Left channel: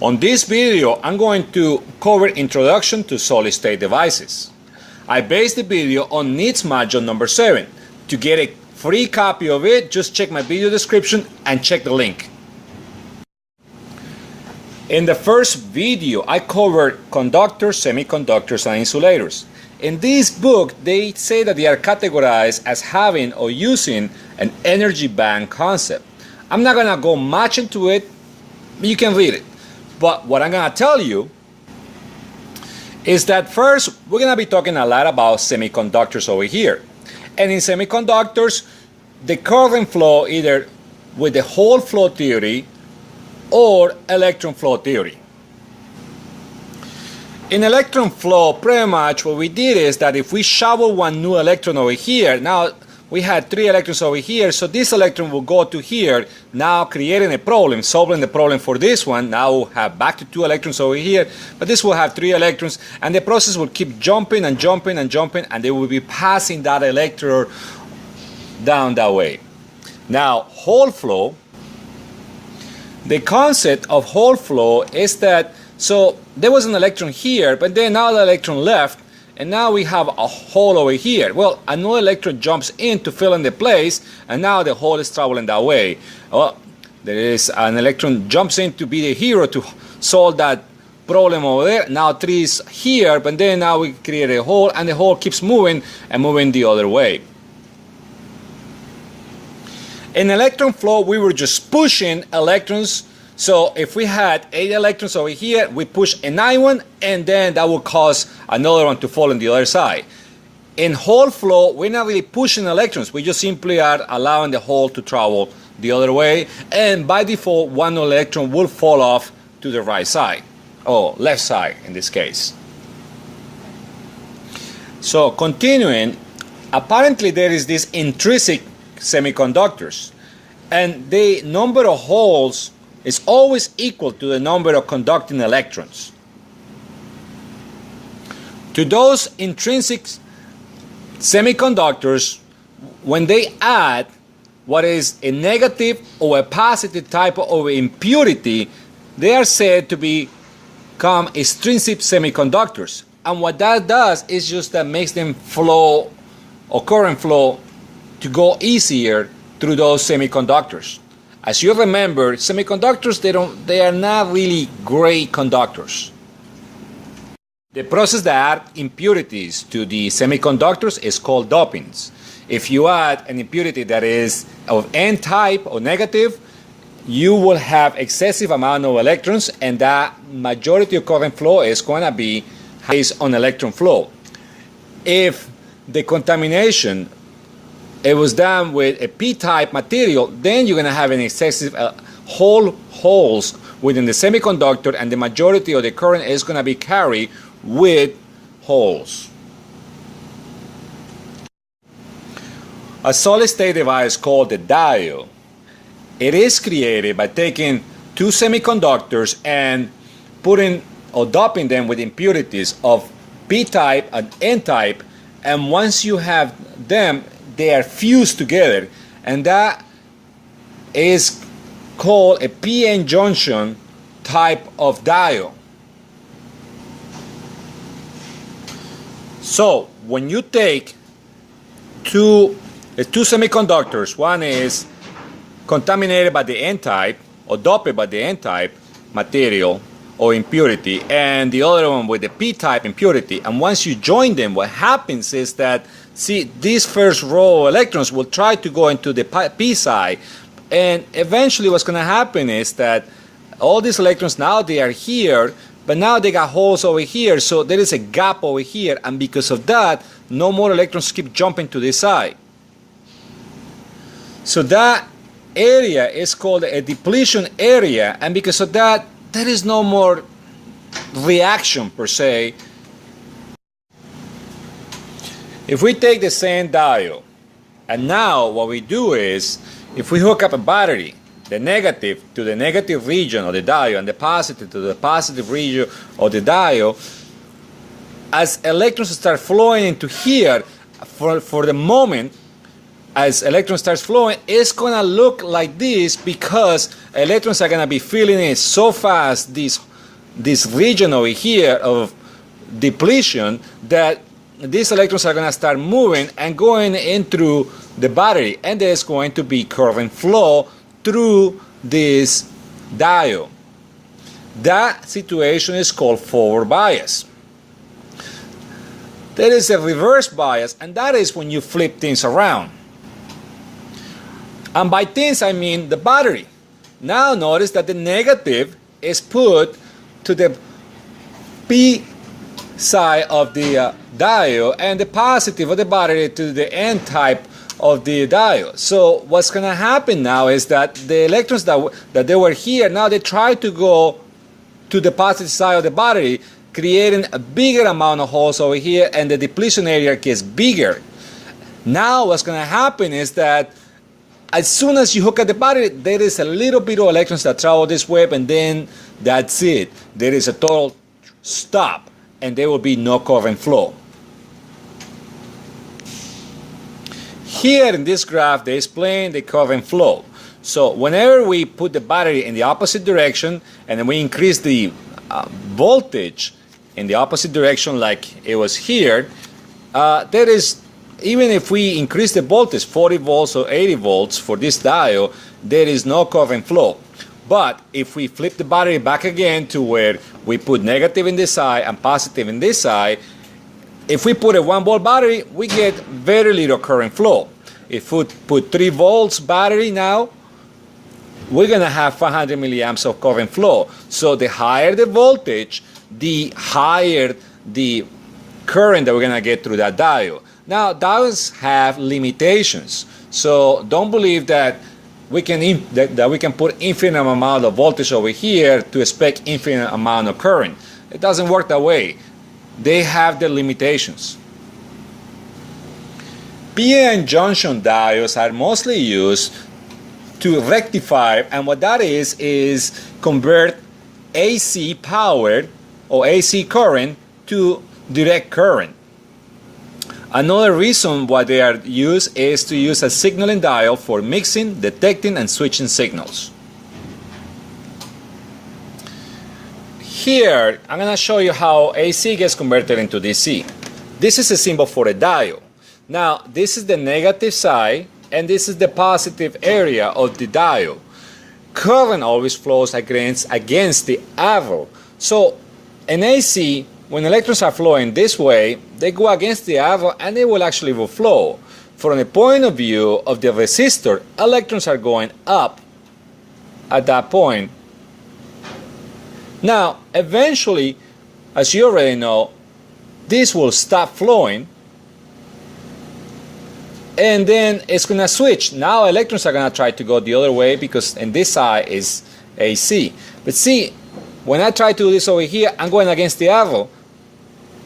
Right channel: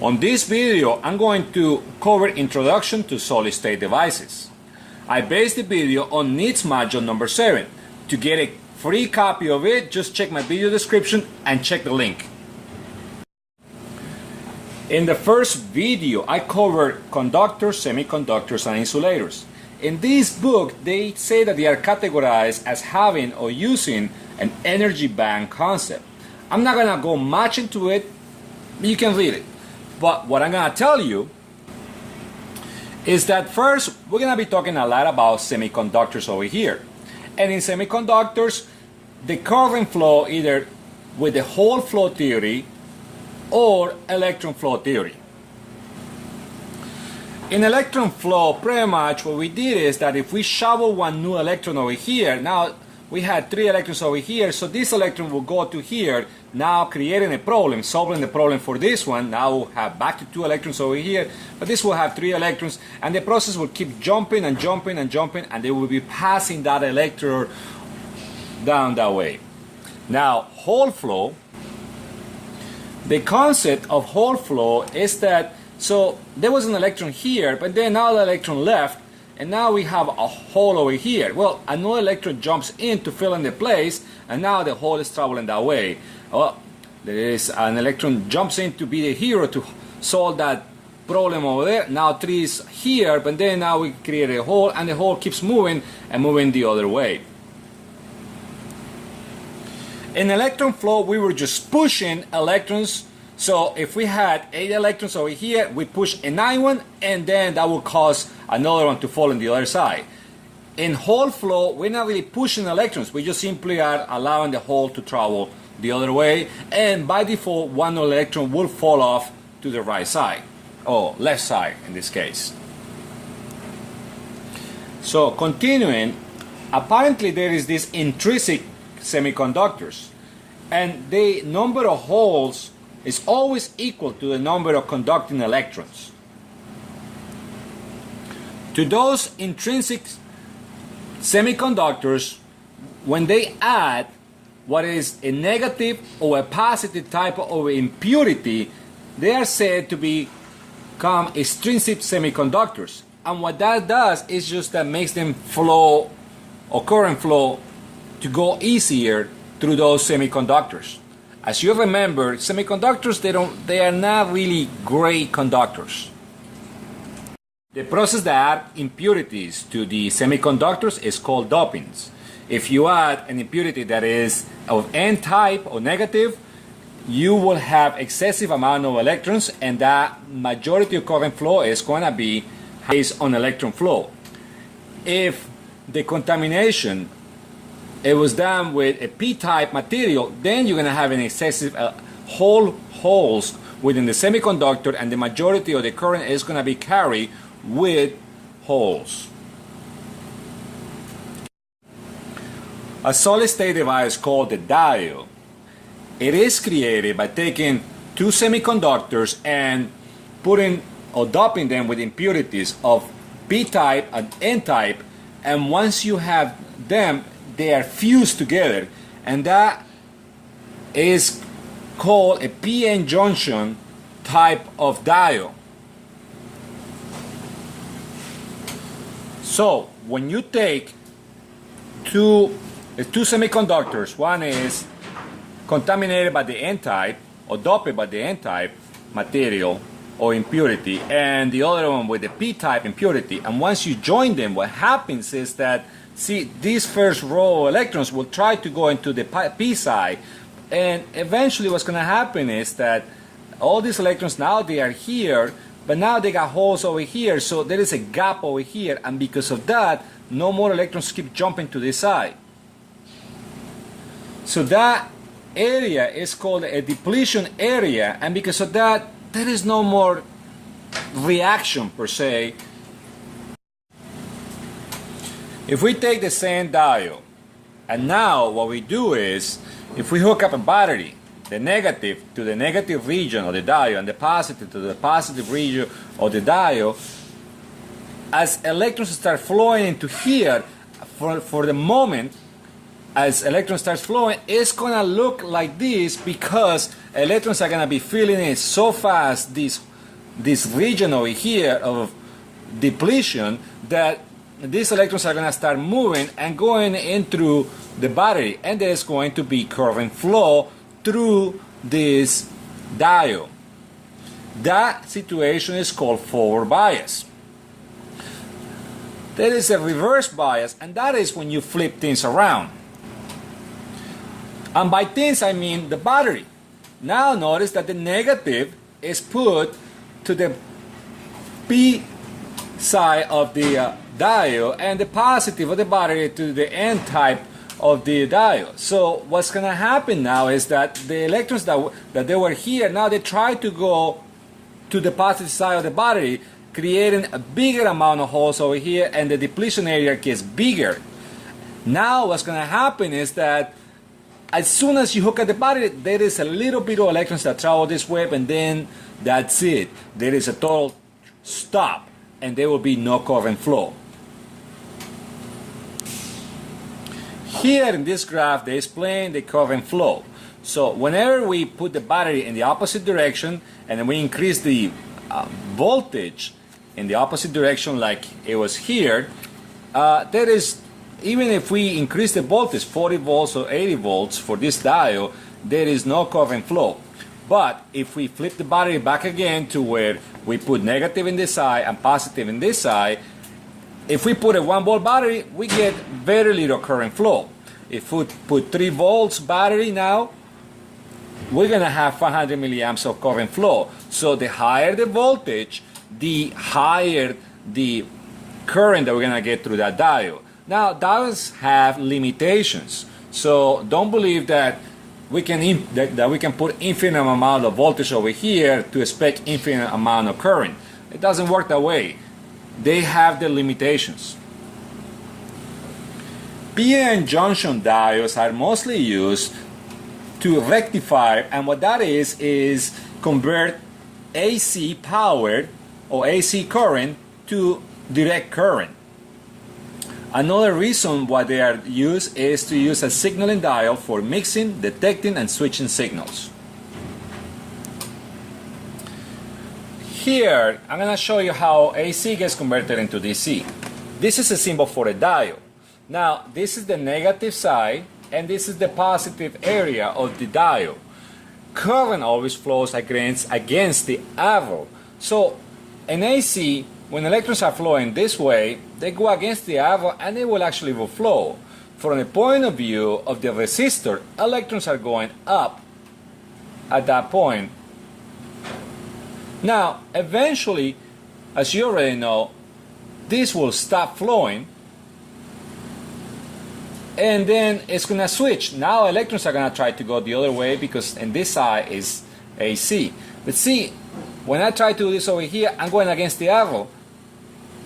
On this video, I'm going to cover Introduction to Solid-State Devices. I based the video on needs module number 7. To get a free copy of it, just check my video description and check the link. In the first video, I covered conductors, semiconductors, and insulators. In this book, they say that they are categorized as having or using an energy band concept. I'm not going to go much into it. You can read it. But what I'm going to tell you is that first, we're going to be talking a lot about semiconductors over here. And in semiconductors, the current flow either with the whole flow theory or electron flow theory. In electron flow, pretty much what we did is that if we shovel one new electron over here, now we had 3 electrons over here, so this electron will go to here, now creating a problem, solving the problem for this one. Now we'll have back to 2 electrons over here, but this will have 3 electrons, and the process will keep jumping and jumping and jumping, and they will be passing that electron down that way. Now, Hall flow, the concept of Hall flow is that, so there was an electron here, but then now the electron left, and now we have a hole over here. Well, another electron jumps in to fill in the place, and now the hole is traveling that way. Well, there is an electron jumps in to be the hero to solve that problem over there. Now 3 is here, but then now we create a hole, and the hole keeps moving and moving the other way. In electron flow, we were just pushing electrons. So if we had 8 electrons over here, we push a 9th one, and then that will cause another one to fall on the other side. In Hall flow, we're not really pushing electrons. We just simply are allowing the hole to travel the other way, and by default, one electron will fall off to the right side, or left side in this case. So continuing, apparently there is this intrinsic semiconductors, and the number of holes is always equal to the number of conducting electrons. To those intrinsic semiconductors, when they add what is a negative or a positive type of impurity, they are said to become extrinsic semiconductors. And what that does is just that makes them flow or current flow to go easier through those semiconductors. As you remember, semiconductors, they are not really great conductors. The process that adds impurities to the semiconductors is called dopings. If you add an impurity that is of N-type or negative, you will have excessive amount of electrons, and that majority of current flow is going to be based on electron flow. If the contamination it was done with a P-type material, then you're going to have an excessive holes within the semiconductor, and the majority of the current is going to be carried with holes. A solid-state device called the diode, it is created by taking 2 semiconductors and putting or doping them with impurities of P-type and N-type, and once you have them, they are fused together, and that is called a PN junction type of diode. So when you take two semiconductors, one is contaminated by the N-type or doped by the N-type material or impurity, and the other one with the P-type impurity, and once you join them, what happens is that, see, these first row of electrons will try to go into the P side, and eventually what's going to happen is that all these electrons, now they are here, but now they got holes over here, so there is a gap over here, and because of that, no more electrons keep jumping to this side. So that area is called a depletion area, and because of that, there is no more reaction per se. If we take the same diode, and now what we do is, if we hook up a battery, the negative to the negative region of the diode and the positive to the positive region of the diode, as electrons start flowing into here, for the moment, as electrons starts flowing, it's going to look like this because electrons are going to be filling in so fast this region over here of depletion that these electrons are going to start moving and going in through the battery, and there's going to be current flow through this diode. That situation is called forward bias. There is a reverse bias, and that is when you flip things around. And by things, I mean the battery. Now notice that the negative is put to the P side of the diode, and the positive of the battery to the N type of the diode. So what's going to happen now is that the electrons that they were here, now they try to go to the positive side of the battery, creating a bigger amount of holes over here, and the depletion area gets bigger. Now what's going to happen is that as soon as you hook up the battery, there is a little bit of electrons that travel this way, and then that's it. There is a total stop, and there will be no current flow. Here in this graph, they explain the current flow. So whenever we put the battery in the opposite direction, and then we increase the voltage in the opposite direction like it was here, there is, even if we increase the voltage 40 volts or 80 volts for this diode, there is no current flow. But if we flip the battery back again to where we put negative in this side and positive in this side, if we put a 1 volt battery, we get very little current flow. If we put 3 volts battery now, we're going to have 500 milliamps of current flow. So the higher the voltage, the higher the current that we're going to get through that diode. Now, diodes have limitations. So don't believe that we can put infinite amount of voltage over here to expect infinite amount of current. It doesn't work that way. They have the limitations. PN junction diodes are mostly used to rectify, and what that is convert AC power or AC current to direct current. Another reason why they are used is to use a signaling diode for mixing, detecting, and switching signals. Here, I'm going to show you how AC gets converted into DC. This is a symbol for a diode. Now, this is the negative side, and this is the positive area of the diode. Current always flows against the arrow. So, in AC, when electrons are flowing this way, they go against the arrow, and they will actually flow. From the point of view of the resistor, electrons are going up at that point. Now, eventually, as you already know, this will stop flowing, and then it's going to switch. Now electrons are going to try to go the other way because in this side is AC. But see, when I try to do this over here, I'm going against the arrow.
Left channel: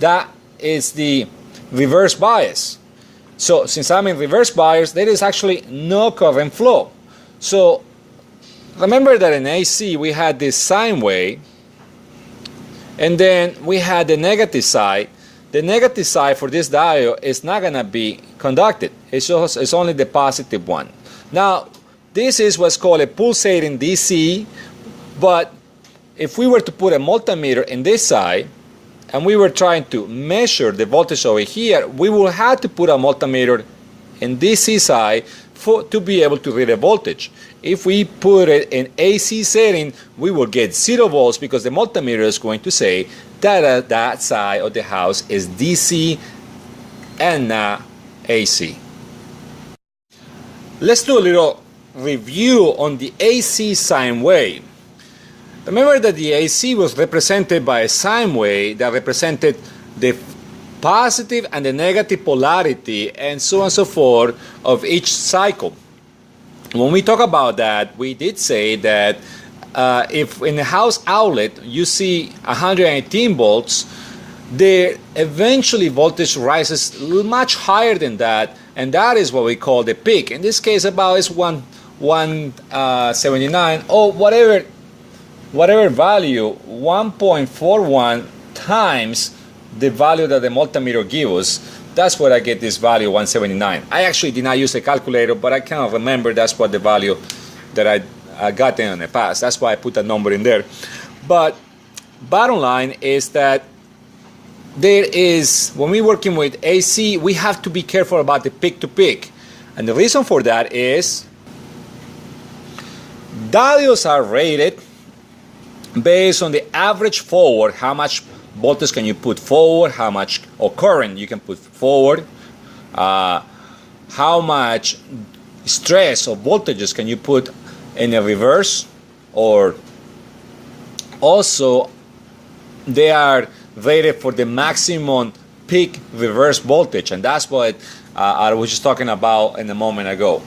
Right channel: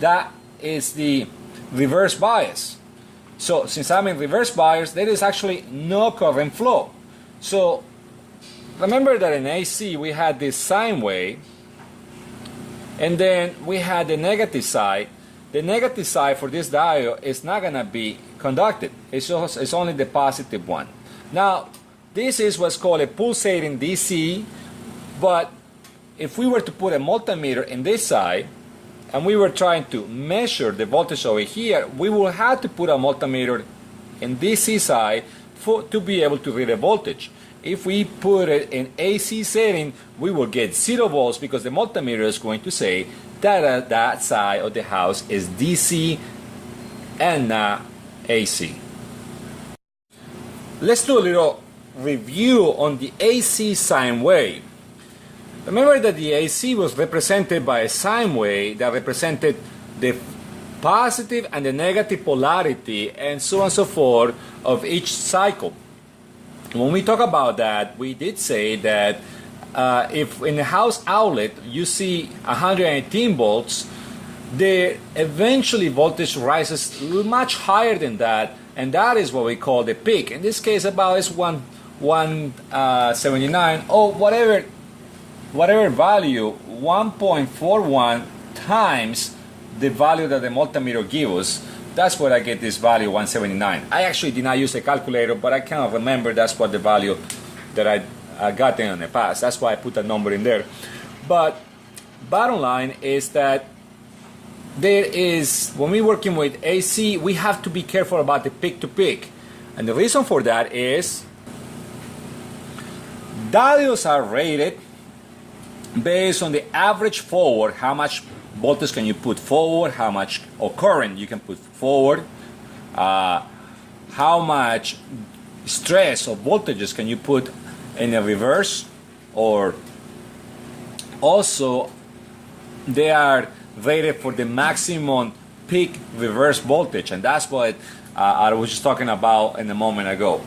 That is the reverse bias. So since I'm in reverse bias, there is actually no current flow. So remember that in AC we had this sine wave, and then we had the negative side. The negative side for this diode is not going to be conducted. It's only the positive one. Now, this is what's called a pulsating DC, but if we were to put a multimeter in this side, and we were trying to measure the voltage over here, we will have to put a multimeter in DC side to be able to read the voltage. If we put it in AC setting, we will get 0 volts because the multimeter is going to say that that side of the house is DC and not AC. Let's do a little review on the AC sine wave. Remember that the AC was represented by a sine wave that represented the positive and the negative polarity and so on and so forth of each cycle. When we talk about that, we did say that if in the house outlet you see 118 volts, the eventually voltage rises much higher than that, and that is what we call the peak. In this case, about is 179 or whatever value, 1.41 times the value that the multimeter gives us. That's where I get this value 179. I actually did not use a calculator, but I cannot remember that's what the value that gotten in the past. That's why I put that number in there. But bottom line is that there is, when we're working with AC, we have to be careful about the peak to peak. And the reason for that is diodes are rated based on the average forward, how much voltage can you put forward, how much or current you can put forward, how much stress or voltages can you put in a reverse, or also they are rated for the maximum peak reverse voltage, and that's what I was just talking about a moment ago.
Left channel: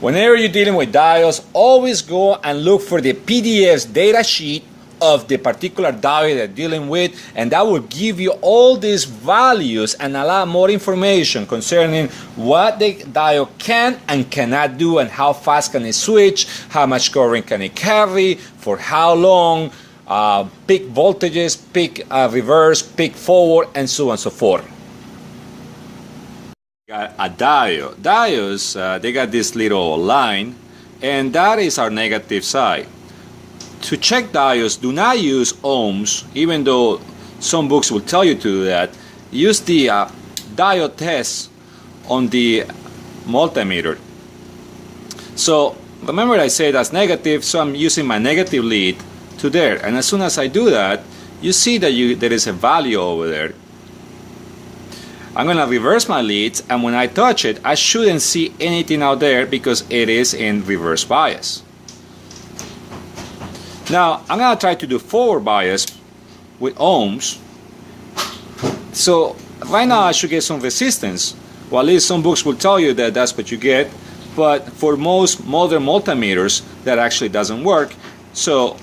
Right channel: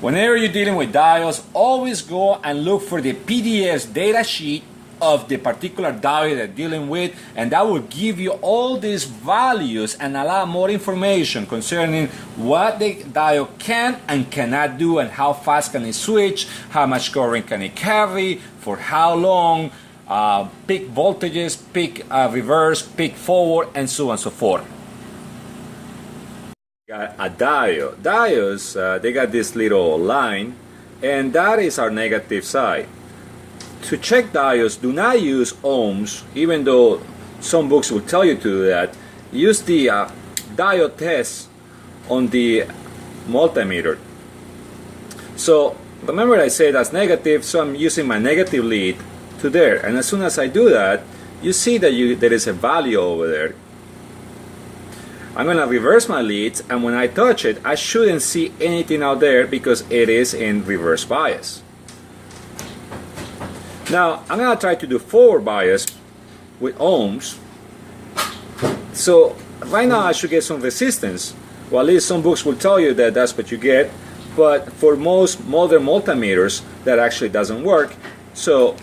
Whenever you're dealing with diodes, always go and look for the PDF's data sheet of the particular diode that you're dealing with, and that will give you all these values and a lot more information concerning what the diode can and cannot do, and how fast can it switch, how much current can it carry, for how long, peak voltages, peak reverse, peak forward, and so on and so forth. Got a diode. Diodes, they got this little line, and that is our negative side. To check diodes, do not use ohms, even though some books will tell you to do that. Use the diode test on the multimeter. So remember I said that's negative, so I'm using my negative lead to there, and as soon as I do that, you see that there is a value over there. I'm going to reverse my leads, and when I touch it, I shouldn't see anything out there because it is in reverse bias. Now I'm going to try to do forward bias with ohms. So right now I should get some resistance. Well, at least some books will tell you that that's what you get, but for most modern multimeters that actually doesn't work. So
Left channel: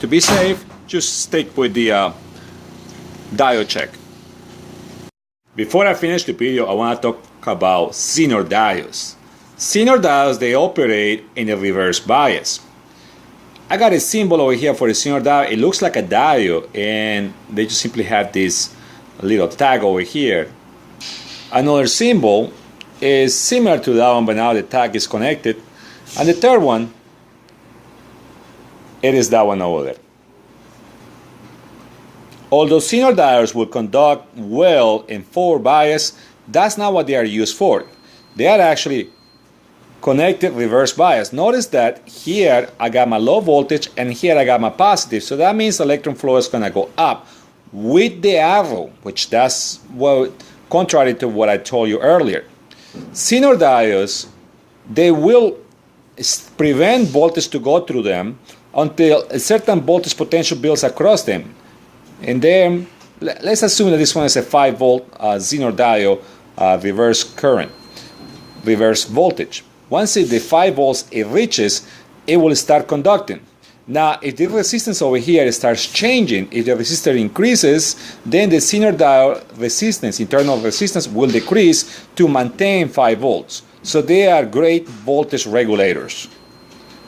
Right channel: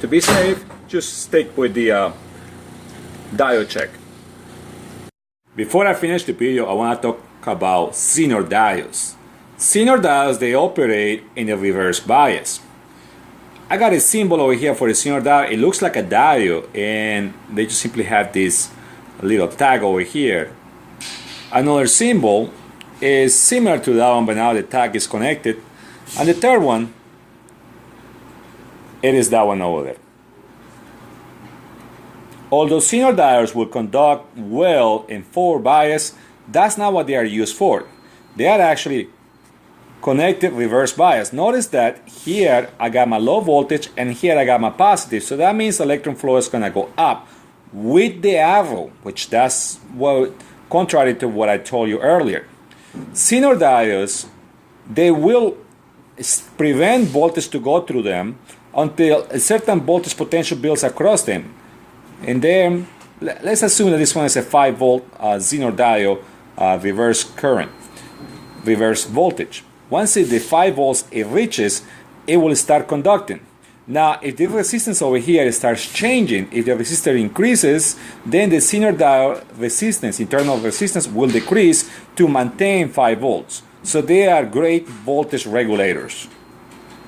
to be safe, just stick with the diode check. Before I finish the video, I want to talk about Zener diodes. Zener diodes, they operate in a reverse bias. I got a symbol over here for a Zener diode. It looks like a diode, and they just simply have this little tag over here. Another symbol is similar to that one, but now the tag is connected. And the third one, it is that one over there. Although Zener diodes will conduct well in forward bias, that's not what they are used for. They are actually connected reverse bias. Notice that here I got my low voltage and here I got my positive, so that means electron flow is going to go up with the arrow, which that's what, contrary to what I told you earlier. Zener diodes, they will prevent voltage to go through them until a certain voltage potential builds across them. And then let's assume that this one is a 5 volt Zener diode reverse current, reverse voltage. Once the 5 volts it reaches, it will start conducting. Now, if the resistance over here starts changing, if the resistor increases, then the Zener diode resistance, internal resistance, will decrease to maintain 5 volts. So they are great voltage regulators.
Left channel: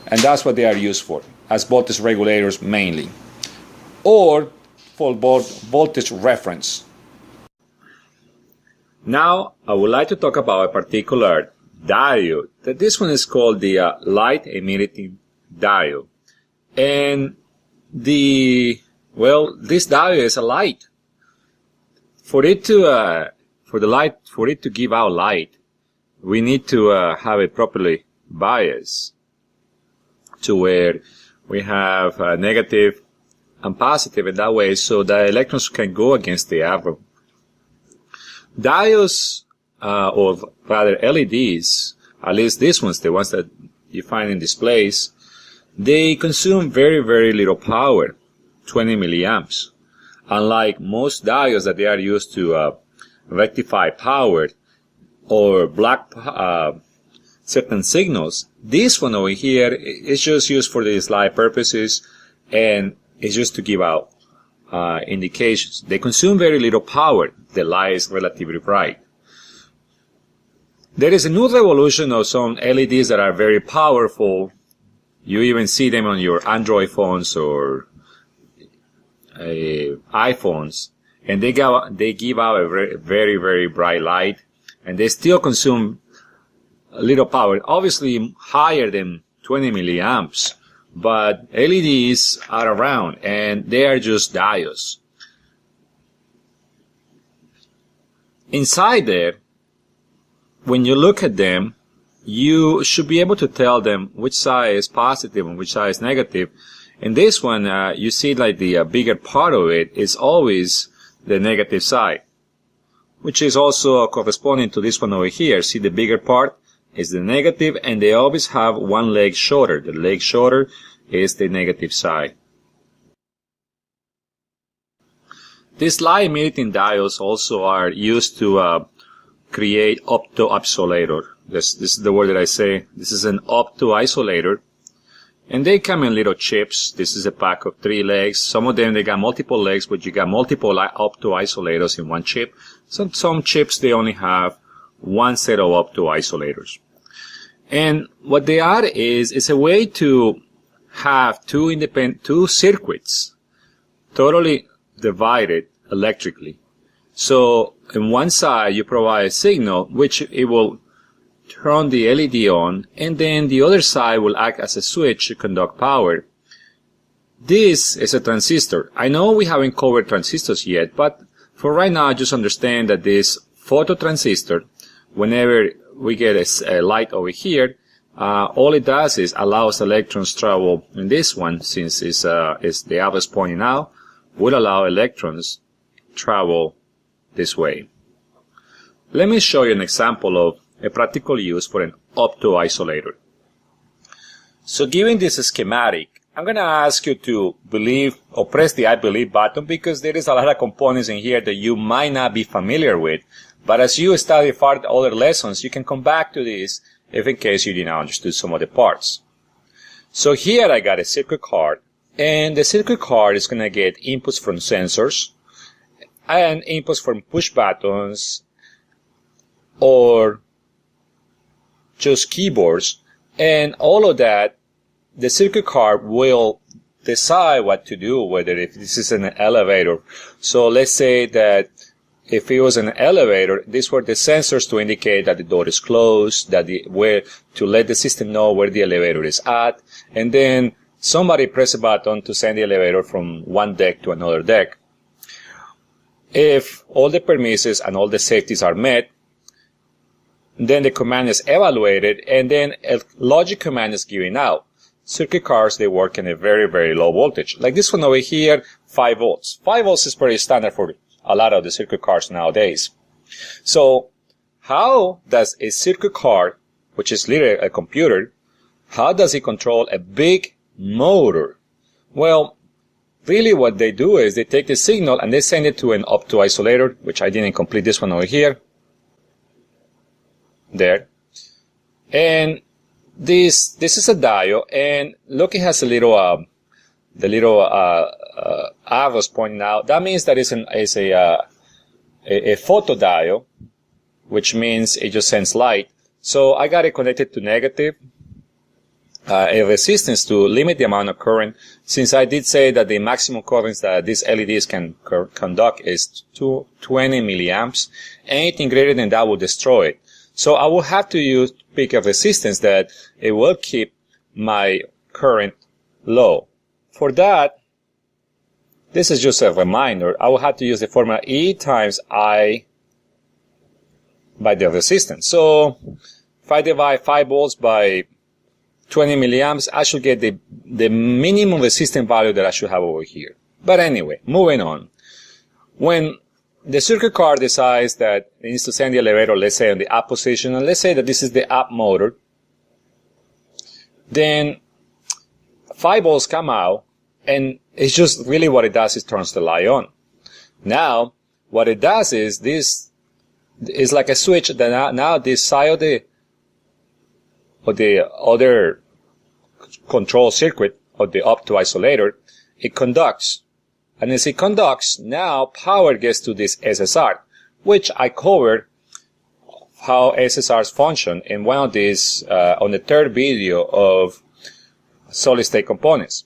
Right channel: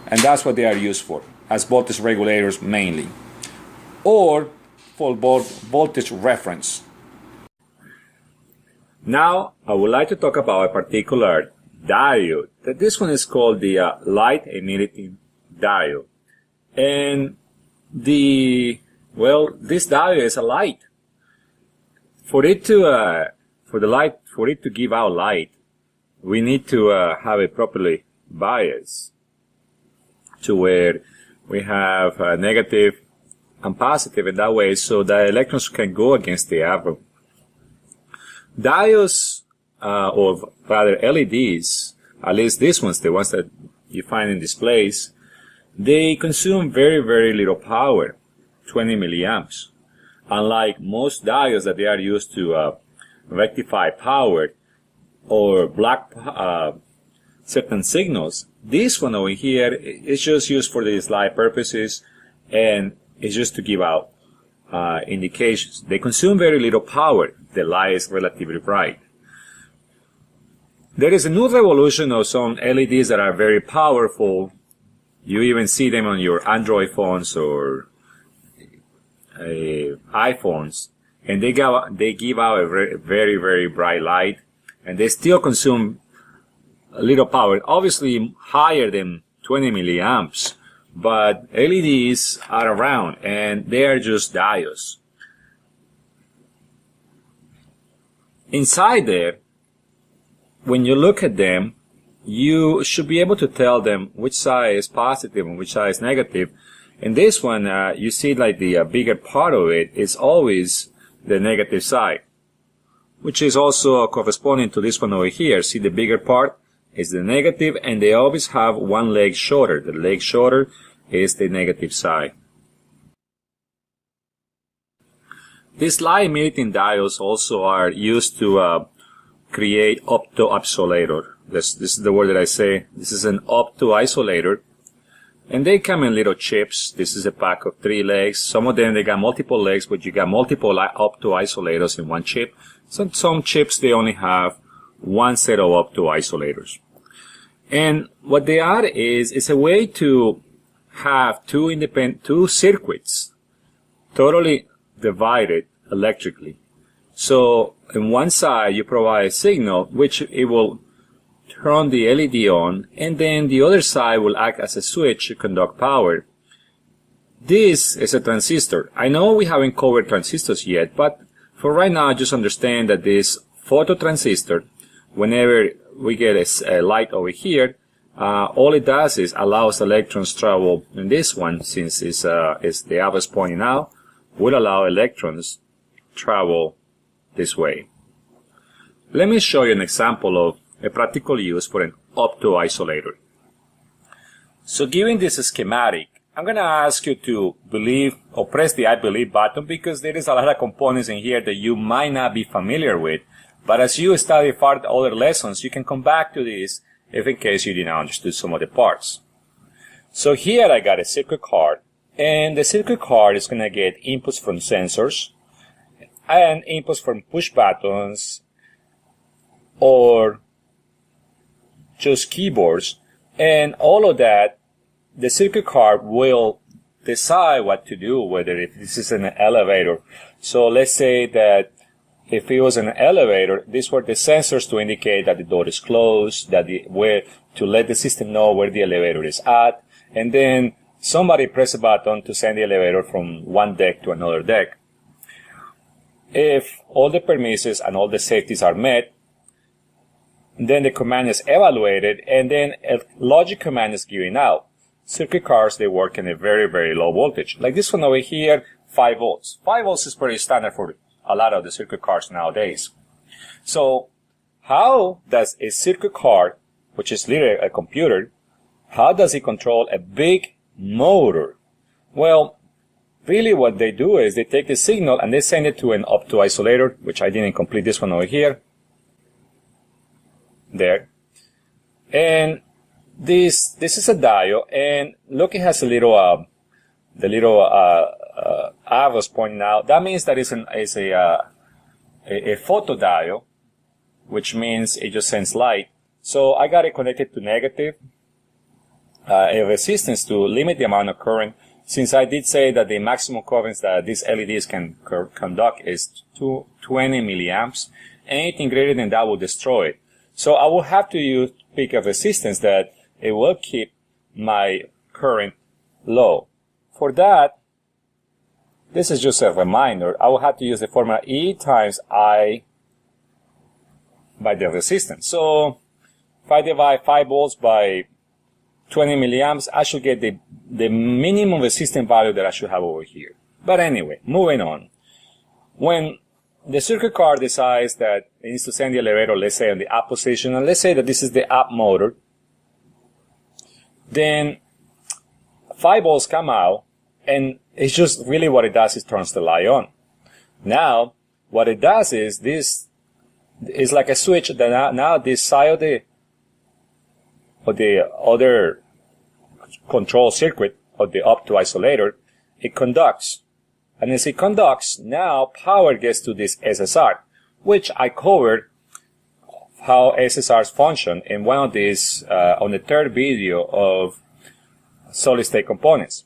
And that's what they are used for, as voltage regulators mainly. Or for voltage reference. Now, I would like to talk about a particular diode. This one is called the Light Emitting Diode. And this diode is a light. For it to give out light, we need to have it properly biased to where we have negative and positive in that way, so the electrons can go against the arrow. Diodes, or rather LEDs, at least these ones, the ones that you find in displays, they consume very, very little power, 20 milliamps. Unlike most diodes that they are used to rectify power or block certain signals, this one over here is just used for these light purposes, and it's just to give out indications. They consume very little power. The light is relatively bright. There is a new revolution of some LEDs that are very powerful. You even see them on your Android phones or iPhones, and they give out a very, very bright light, and they still consume little power, obviously higher than 20 milliamps, but LEDs are around and they are just diodes. Inside there, when you look at them, you should be able to tell them which side is positive and which side is negative. In this one, you see like the bigger part of it is always the negative side, which is also corresponding to this one over here. See, the bigger part is the negative, and they always have one leg shorter. The leg shorter is the negative side. These light emitting diodes also are used to create opto-isolator. This is the word that I say. This is an opto-isolator. And they come in little chips. This is a pack of 3 legs. Some of them, they got multiple legs, but you got multiple opto-isolators in one chip. Some chips, they only have one set of opto-isolators. And what they are is a way to have two circuits totally divided electrically. So in one side, you provide a signal, which it will turn the LED on, and then the other side will act as a switch to conduct power. This is a transistor. I know we haven't covered transistors yet, but for right now, just understand that this phototransistor, whenever we get a light over here, all it does is allows electrons travel in this one, since it's the arrow pointing out, will allow electrons travel this way. Let me show you an example of a practical use for an opto-isolator. So given this schematic, I'm going to ask you to believe or press the I believe button, because there is a lot of components in here that you might not be familiar with. But as you study further other lessons, you can come back to this if in case you didn't understand some of the parts. So here I got a circuit card, and the circuit card is going to get inputs from sensors and inputs from push buttons or just keyboards, and all of that, the circuit card will decide what to do, whether if this is an elevator. So let's say that if it was an elevator, these were the sensors to indicate that the door is closed, that where to let the system know where the elevator is at, and then somebody press a button to send the elevator from one deck to another deck. If all the permissions and all the safeties are met, then the command is evaluated, and then a logic command is given out. Circuit cards, they work in a very, very low voltage. Like this one over here, 5 volts. 5 volts is pretty standard for a lot of the circuit cards nowadays. So how does a circuit card, which is literally a computer, how does it control a big motor? Well, really what they do is they take the signal and they send it to an opto-isolator, which I didn't complete this one over here. There. And this is a diode, and look, it has a little arrows pointing out. That means that it's a photodiode, which means it just sends light. So I got it connected to negative, a resistance to limit the amount of current, since I did say that the maximum currents that these LEDs can conduct is 20 milliamps. Anything greater than that will destroy it. So I will have to pick a resistance that it will keep my current low. For that, this is just a reminder. I will have to use the formula E times I by the resistance. So if I divide 5 volts by 20 milliamps, I should get the minimum resistance value that I should have over here. But anyway, moving on. When the circuit card decides that it needs to send the elevator, let's say, in the up position, and let's say that this is the up motor, then 5 volts come out, and it's just really what it does is turns the light on. Now, what it does is this is like a switch that now this side of the other control circuit of the opto-isolator, it conducts. And as it conducts, now power gets to this SSR, which I covered how SSRs function in one of these, on the third video of solid state components.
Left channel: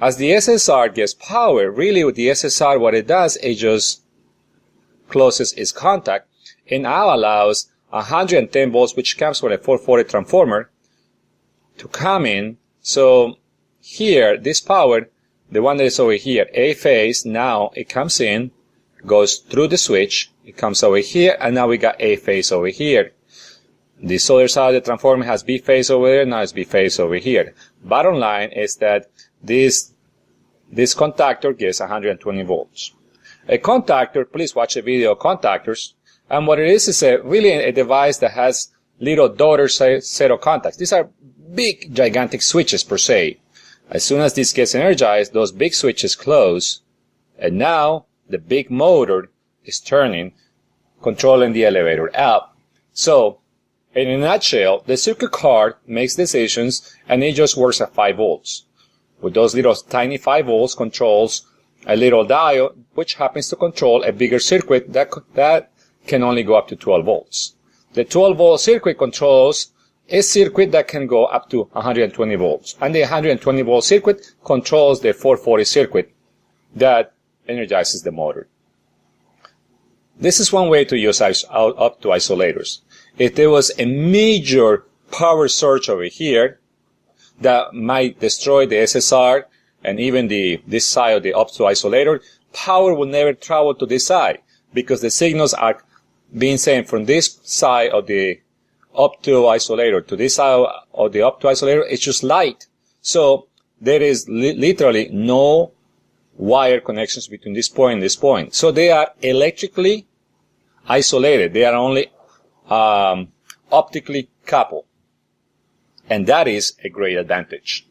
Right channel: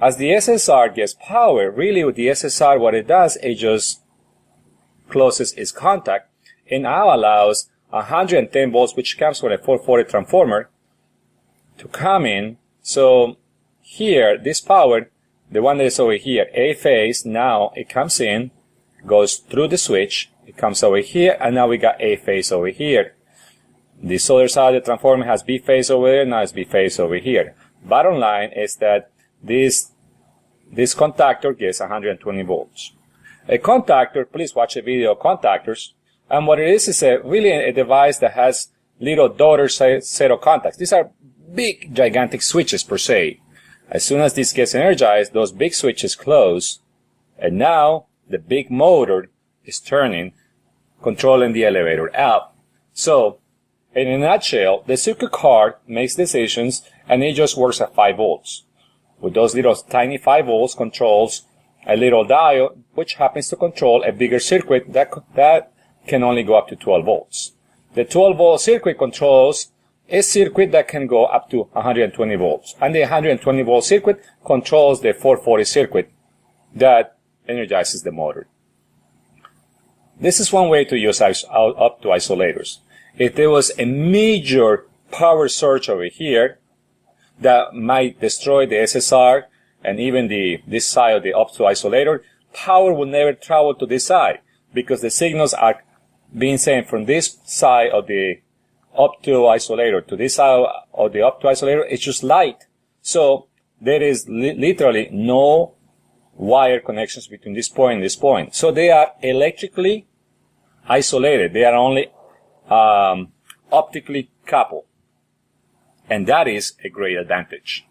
As the SSR gets power, really with the SSR, what it does, it just closes its contact and now allows 110 volts, which comes from a 440 transformer, to come in. So here, this power, the one that is over here, A phase, now it comes in, goes through the switch, it comes over here, and now we got A phase over here. This other side of the transformer has B phase over there, now it's B phase over here. Bottom line is that this contactor gives 120 volts. A contactor, please watch a video of contactors, and what it is really a device that has little daughter set of contacts. These are big, gigantic switches per se. As soon as this gets energized, those big switches close, and now the big motor is turning, controlling the elevator up. So, in a nutshell, the circuit card makes decisions, and it just works at 5 volts. With those little tiny 5 volts controls a little diode, which happens to control a bigger circuit that can only go up to 12 volts. The 12-volt circuit controls a circuit that can go up to 120 volts. And the 120-volt circuit controls the 440 circuit that energizes the motor. This is one way to use Opto-Isolators. If there was a major power surge over here that might destroy the SSR and even this side of the Opto-Isolator, power will never travel to this side because the signals are being sent from this side of the Opto-Isolator to this side of the Opto-Isolator. It's just light. So there is literally no wire connections between this point and this point. So they are electrically isolated. They are only optically coupled. And that is a great advantage.